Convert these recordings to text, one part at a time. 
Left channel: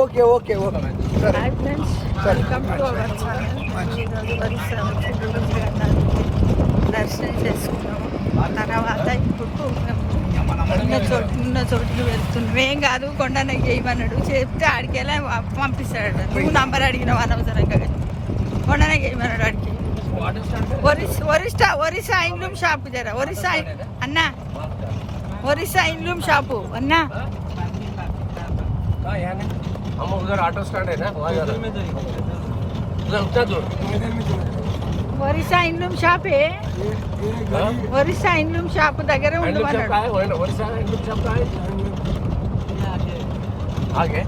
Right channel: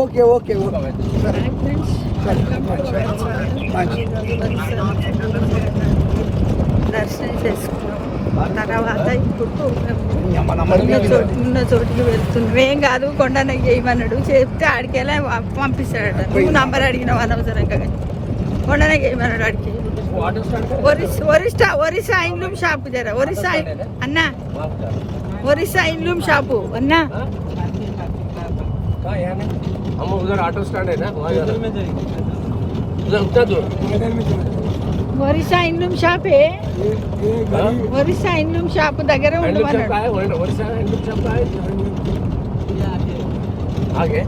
Okay okay okay hi friends, welcome to our channel. ఈరోజు వచ్చి గురు జగన్నాథుడి దర్శనం చేసుకున్నాము. తర్వాత ఇప్పుడు ఉన్న చోటుకి వెళ్తున్నాం. ఏం కాదు, కొండనకి చేయమన్నాడు. చెప్తే ఆడికెళ్ళి పంపిస్తాడట. నువ్వు నంబర్ అడిగినావు అనవసరంగా. కొండనకి చేయమన్నాడు ఆడికి. ఒరిస్సా ఇండ్లూమ్ షాపు జర. ఒరిస్సా అన్నా, ఒరిస్సా ఇండ్లూమ్ షాపు అన్నా. हम उधर ऑटो स्टैंड है ना, वहाँ जाना उधर उतना दूर। ఒరిస్సా ఇండ్లూమ్ షాపే. ఒరిస్సా ఇండ్లూమ్ షాప్ దగ్గర हैंडलूम शॉप का है, ओडिशा हैंडलूम शॉप का है आगे।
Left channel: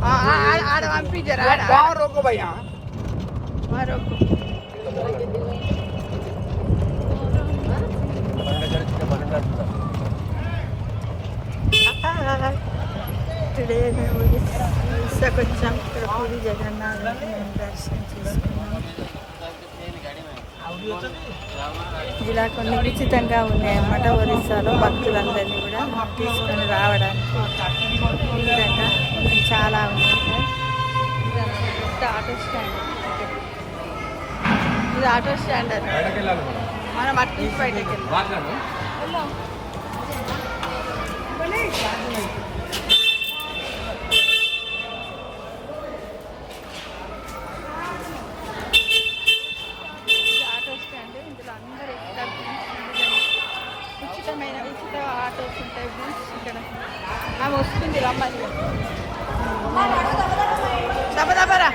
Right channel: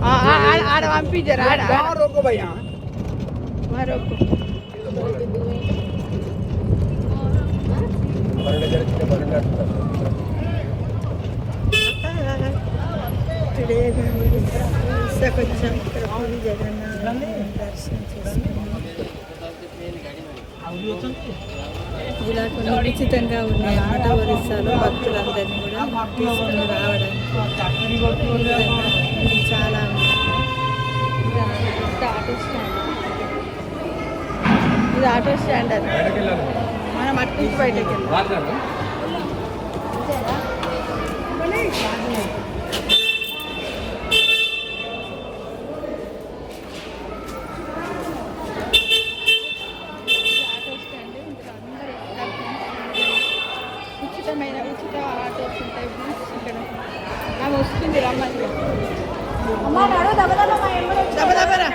ఆడ పంపించారు. ఆడ రోకో భయ్యా మరొక టుడే వచ్చాం. ఇక్కడ పూరి జగన్నాథ్ దర్శనం చేసుకున్నాం. ఇలా కొన్ని ఉచితంగా ఉన్నాయి అన్నమాట. ఒరిస్సాలో భక్తులందరినీ కూడా తీసుకుని రావడానికి ఈ విధంగా చాలా ఉంది. ఆటో స్టాండ్, ఇది ఆటో స్టాండ్. అది మనం అటు నుంచి బయటకి వెళ్ళాం. ఉచిత ఆటోస్ ఉంటాయి ఇక్కడ. ఆమె వస్తుంది, రమ్మని. దబదబరా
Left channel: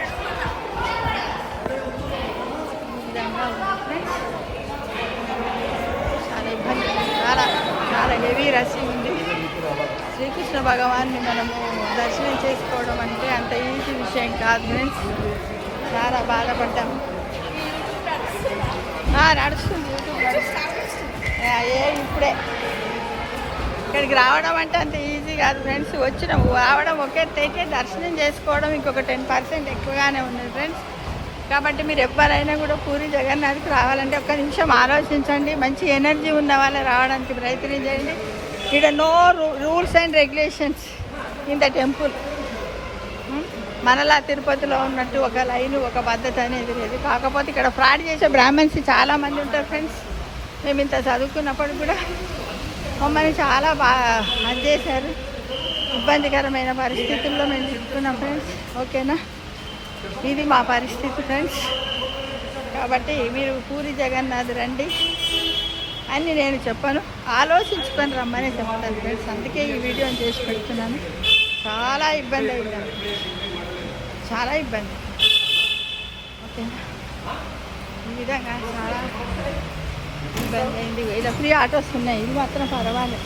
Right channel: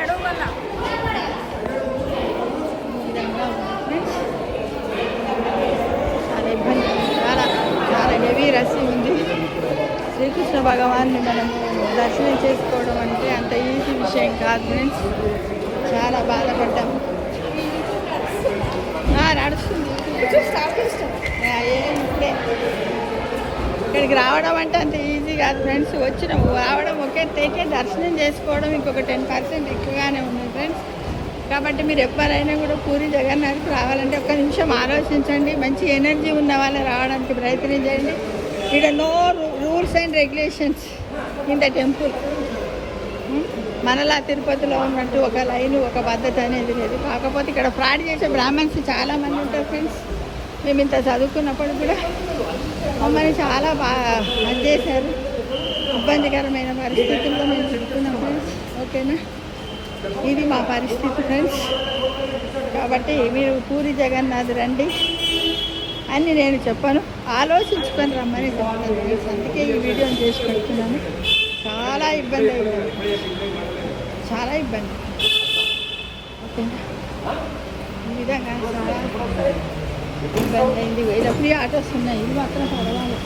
చాలా ఇబ్బంది, చాలా చాలా హెవీ రష్ ఉంది. శ్రీకృష్ణ భగవాన్ని మనము దర్శనం చేసుకోవడం అంటే అంత ఈజీ విషయం కాదు ఫ్రెండ్స్. చాలా బాధపడ్డాము. నడుస్తుంది ఇప్పుడే. ఇక్కడికి రావడం అంటే అంత ఈజీ కాదు ఫ్రెండ్స్. వచ్చినాము, రావడం ఒకే తెకే, దర్శనం చేసుకోవడం ఇంకొక 10% ఎక్కువగానే ఉంది ఫ్రెండ్స్. కాబట్టి మీరు ఎవరైనా కూడా పూరి జగన్నాథ్కి రావాలంటే ఒక్క నిమిషం ఆలోచించండి. మంచి ఎనర్జీ ఉన్న వాళ్ళు రావడానికి ప్రయత్నం చేయండి. ఇక్కడ no rules and regulations in the temple. మనలా తిరుపతిలో ఉన్నట్టు ఒక లైన్, ఒక పద్ధతి అనేది లేదు. కాకపోతే ఇక్కడ ఫ్రాడ్ చేసే బ్రాహ్మణ్స్ చాలామంది ఉంటారు ఫ్రెండ్స్. మేము ఇంత చదువుకున్నప్పుడు కూడా మమ్మల్ని చాలా బాగా అది చేశారు. ఇబ్బందికరమైన పరిస్థితుల్లో మేము చెప్తున్నాం ఫ్రెండ్స్. ఓకేనా, ఇది మా పరిస్థితి ఫ్రెండ్స్. కాబట్టి మీరు పూరి జగన్నాథ్ రండి అని నేను చెప్పను, ఆలోచించుకొని రమ్మని చెప్తాను ఫ్రెండ్స్. అందుకే ఈ వీడియోని చేసి పెడుతున్నాను. చాలా ఇబ్బంది అయింది, చాలా ఇబ్బంది. ఓకేనా, ఈ విధంగా చాలా ఇబ్బంది అయింది. ఇలా ఫ్రీ ఆటోస్ ఉన్నాయి, ఇది మాత్రం పర్వాలేదు.